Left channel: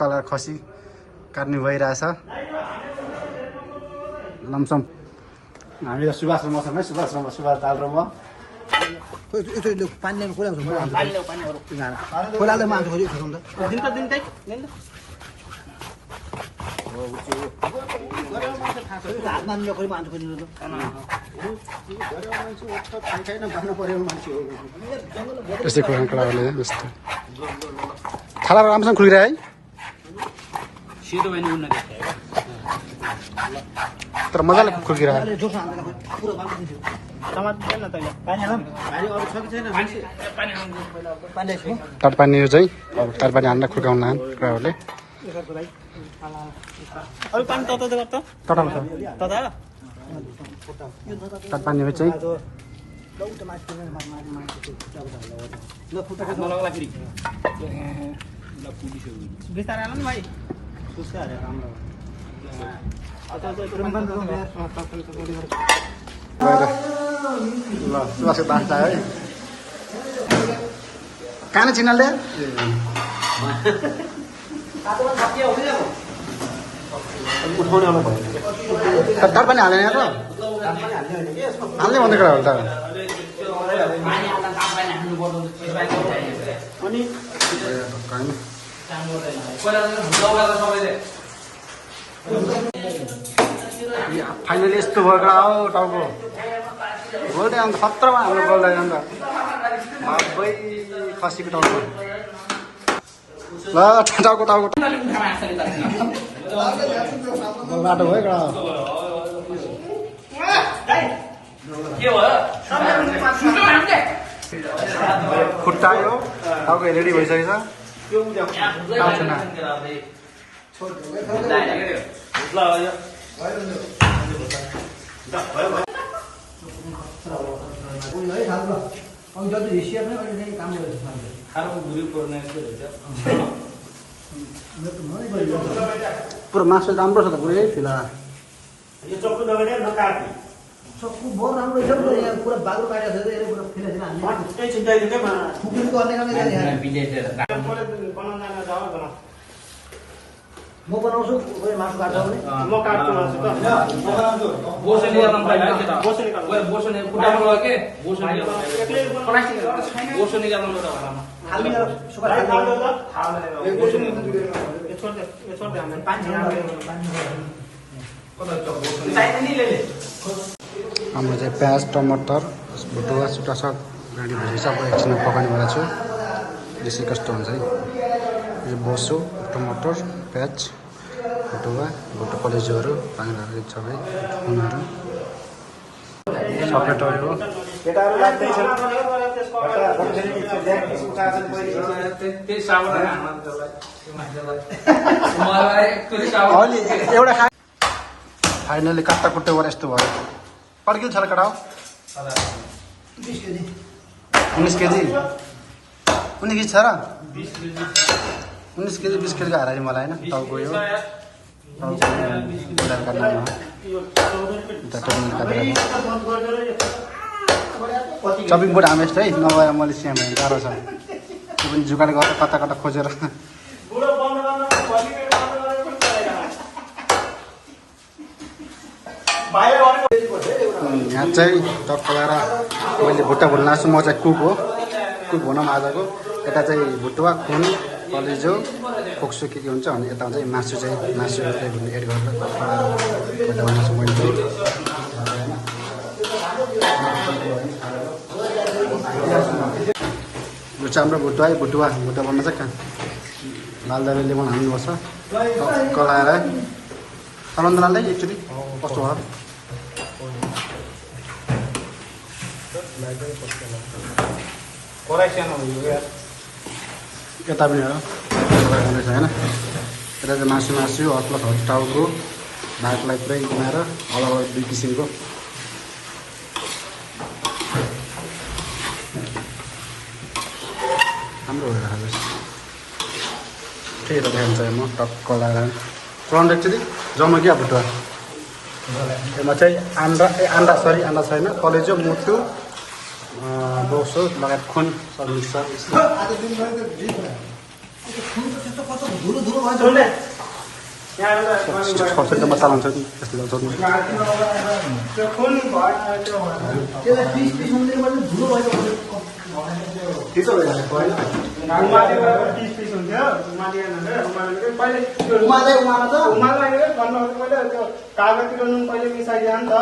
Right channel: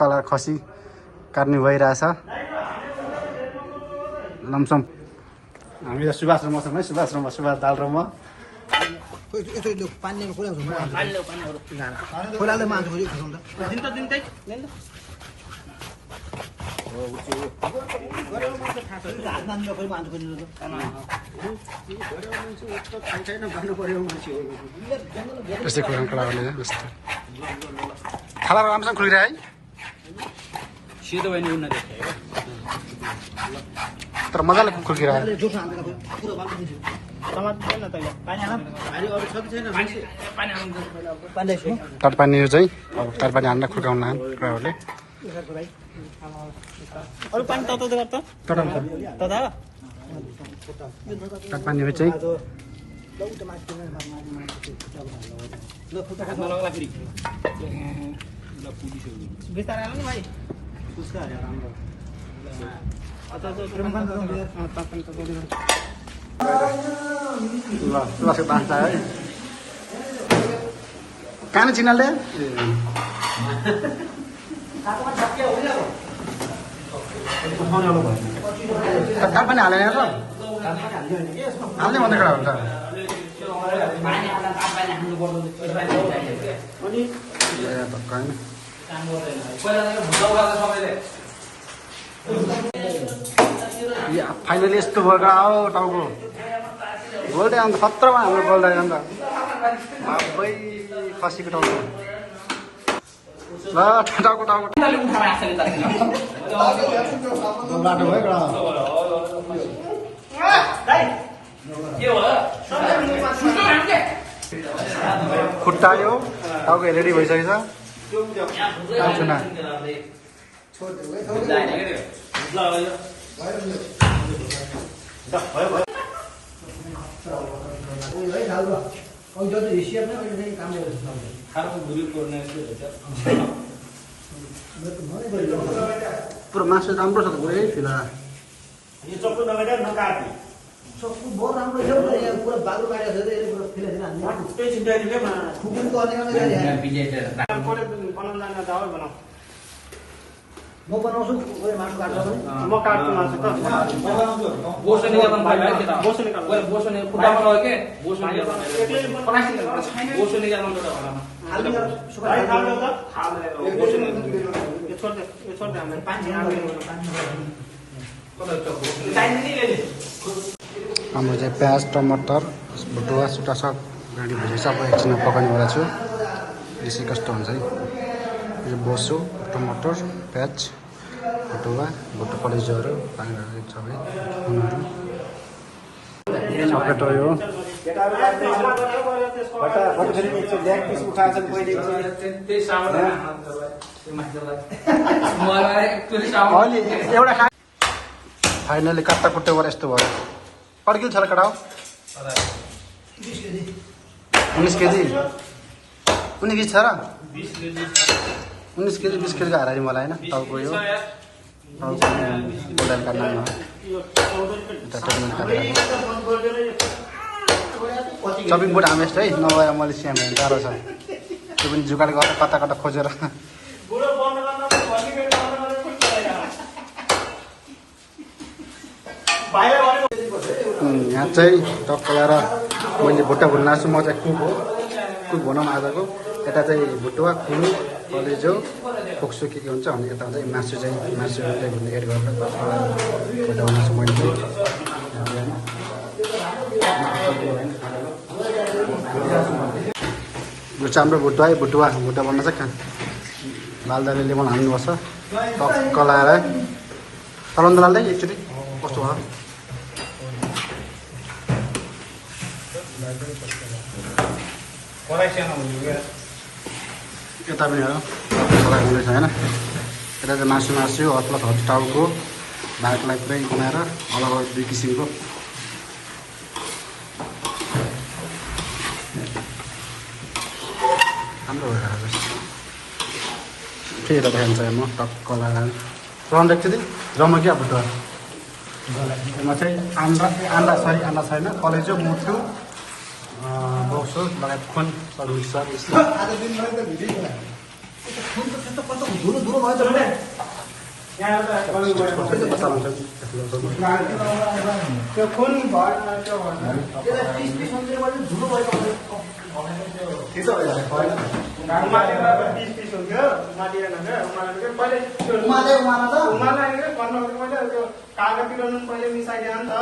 colour खसी काट्नु भइरहेछ लमसम हामी त सुभाष र मसँग सुभाष दाल र म त्यस्तै कडा थाला राम्रोसँग खुलिरह है तर मजाले खुर्किरह तरपानी चाहिँ अब तरपानी हान्न खुर्काउन लान् कुराहरूले तरपानी चाहिँ है कहाँ चिनाले तर पनि हालेन त हाल्ने भन्ने कुरा हो त फाइनली यस्तो भएको हो टाउको गोल्डे अन्त खतरामा हाम्रो गोल्डे अन्त भाइ खसीको टाउको ल टाउको बाटो भयो खुट्टायो टाउको रेडी भइसकेछ आउँछु न पुरो मासु राम्रो छ त पुरै फिला यो चक्कु नगरे नकाट्ने चक्कु बहुत राम्रो छ नि यहाँ पुरा बाग्रो काटेको छ यो पुरा फिला फिला हाल्ने त्यही चिन्ता नि के मलाई खुकुनको अन्य खाने जाने यहाँ बिलेटर बनाउन जाऊ बना म बनाउँछु ओए मासु काट्छ भने म काट्छु मासु त बोसो निकाल्न पाइला के त बोसो निकाल्नु ओए बोसो नि खुट्टामा लग्यो के बोसो निकाल्नु एक्लै प्लास्टिक बोसो निकाल्नु त घरमा हाल्नु सुका हाल्नु त हाल्नु बोसो निकाल्नु यो छोड दे हामी पानी कता चक्कु चाहिने नि ले हाम्रो चाहिँ प्याज टमाटर भुटुवा सुटा सब रेडी भइसक्यो सबै एकछिनमा पकाउनेवाला छु यसै कस्तो हुन्छ है यो बोसो टमाटर प्याज भुटुवा भुटु कलेजोहरू पानीहरू सबै खुनहरू सकेटो यो अलि एउटा फाइनली काट्टा कुट्टा गरेर यस्तो भयो पर्किल छ र कटाउ 19 केजी 19 केजी छ र 19 केजी 20 केजी हारा मलाई होइन टाउको यो टाउको गोल्डन काट्नमा चपिङ बोर्ड हामेस है नभए मैले स्याम गाह्रो छ त्यो पनि जुगाड गर्दा कता कता खोजेर यहाँ चाहिँ टक्क लगाएर मैले भुट्टा भुट्न लाग्छु म चाहिँ कुक हो कुक भनौँ आजको यता चाहिँ भुटुवा खुन कलेजो फोक्सो के हुन्छ अनि यता चाहिँ मासु चाहिँ भुट्ने एड गरेर टक्क लगाएर भुट्टा भुट्न लाग्छु मैले चाहिँ यो चाहिँ हाम्रो भुटुवा भुट्न चाहिँ बालदाले लेमन हाल्नुपर्छ टक्क लगाएर चलाउनु लाँदै एकचोटि कस्तो भयो यता पनि हेर हुँदैछ होइन यता चाहिँ मासु प्लस टाउको भातलाई पुरै बनाएर अलग अलग 2 किसिमको राम्रो भइरहेको छ ठिक त देखाउँछ म टक्क लगाएर चलाउनु एकचोटि जम्मा क्या भुटुवा यसमा चाहिँ अन्डा छैन कलेजो मुटु बोक्सो लगायत खुन सब मिक्सर त्यस्तो कस्तो धुलो धुलो भयो छर्सेन्टमा चलाउँछ कि त्यो फुल भयो त्यो त्यसलाई पिस पिस हुँदैन भने धुलो भयो उमाले पिस हुन्थ्यो उमाले उमामा त उमाले पहिले त्यो कागजतिर नुन पहिले मिसाइदिएन नि त